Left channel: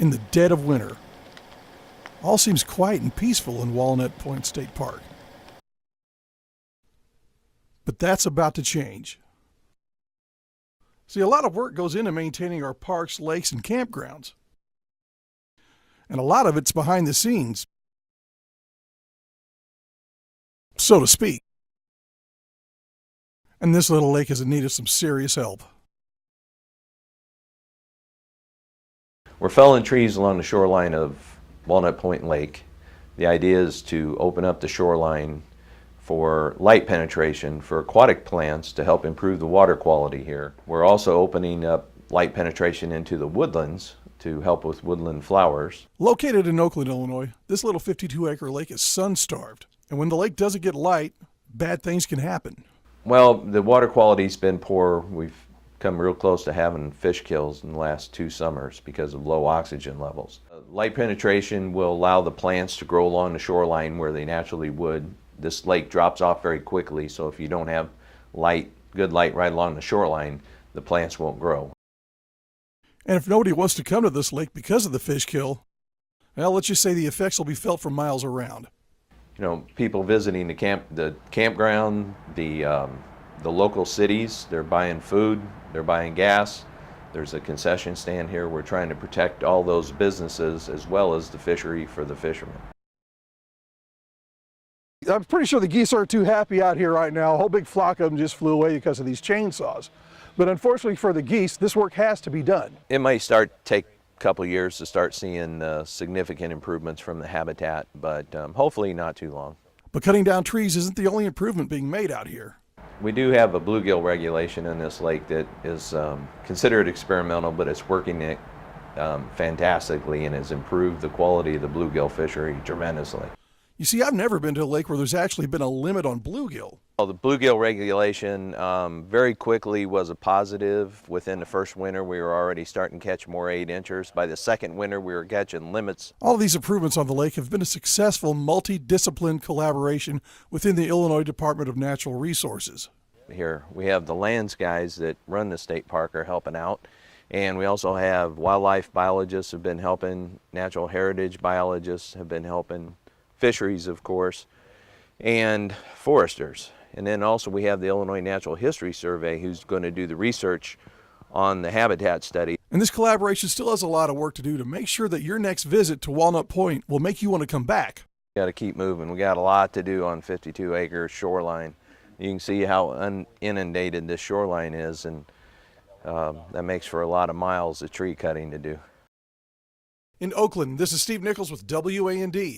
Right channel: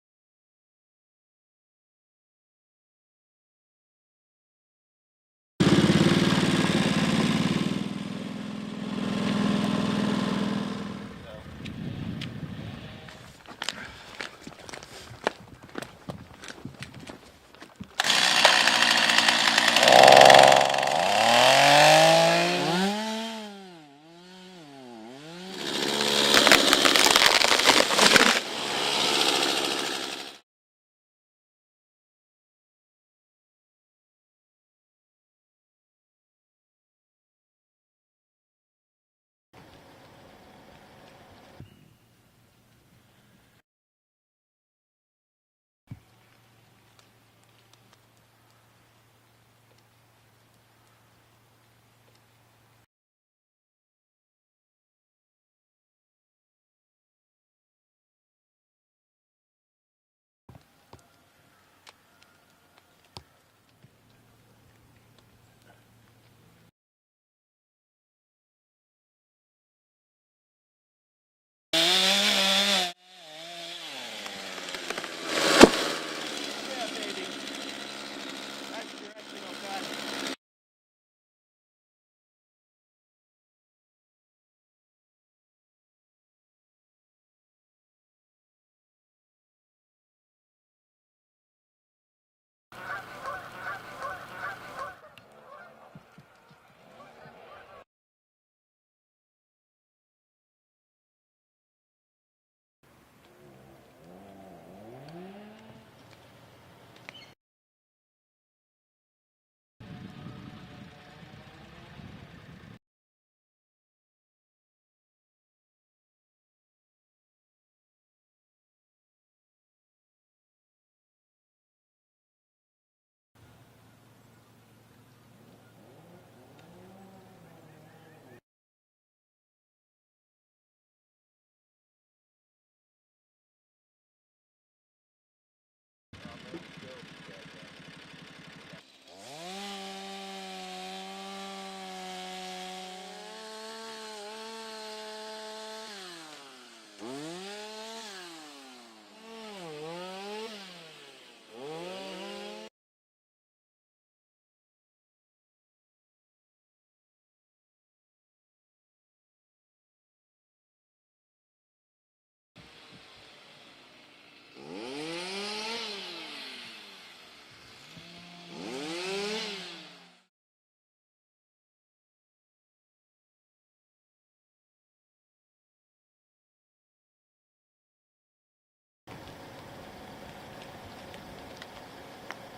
in the dead of winter. All seems quiet and peaceful in Walnut Point State Park. But that's about to change. See, a lot of work goes into maintaining our parks, lakes, and campgrounds. And a lot of it's behind the scenes, so to speak. And this little lake is in need of some serious help. We're felling trees along the shoreline of Walnut Point Lake. The idea is to open up the shoreline for light penetration for aquatic plants to help improve the water quality here. We're also opening up light penetration into the woodlands to help with woodland flowers. Located in Oakland, Illinois, this little 52-acre lake is sun-starved. And when the lake doesn't get light, bad things can happen. Well, the water quality's been poor. We've come real close to having fish kills in the last 2 summers because of low oxygen levels. Light penetration will allow the plants to grow along the shoreline where they naturally would. This lake drops off very quickly, so if you don't have light, good light right along the shoreline, the plants won't grow. And if nobody wants to come to this lake because of the fish kill, well, let's just say the effects will be felt for miles around. You know, people visiting the campground, the local cities, they're buying food, they're buying gas. There's a concession stand here. We're trying to protect all those businesses as well as the fishery for the fishermen. I'm pretty sure the geese aren't too happy out here right now. A whole big flock of them just flew away because of these chainsaws. But unfortunately for the geese, this work has to be done. It might take a couple years to start seeing significant improvements from the habitat, but hopefully not too long. But cutting down trees isn't the only improvement being made out here. We do have a bluegill regulation in this lake that is considered experimental, but it's working fantastically and has improved the quality of the bluegill fishery tremendously. You see, I've never been to a lake where there's actually been a limit on bluegill. Well, the bluegill regulation very quickly was a positive. Within the first winter, we were already starting to catch more 8-inchers. By the second winter, we were catching limits. All of these improvements on the lake have been a successful multi-discipline collaboration within the Illinois Department of Natural Resources. Here, we have the lands guys that run the state park are helping out. And we also have wildlife biologists have been helping, natural heritage biologists have been helping, fisheries, of course, and foresters. And then also we have the Illinois Natural History Survey who's going to do the research on the habitat study. And this collaboration still has a lot of work to do to make sure that your next visit to Walnut Point will make you want to come back. We got to keep moving. We got a lot to do on 52-acre shoreline. You can see how inundated this shoreline is, and that makes for a lot of miles of tree cutting to do. In Oakland, this is Steve Nichols with WAND.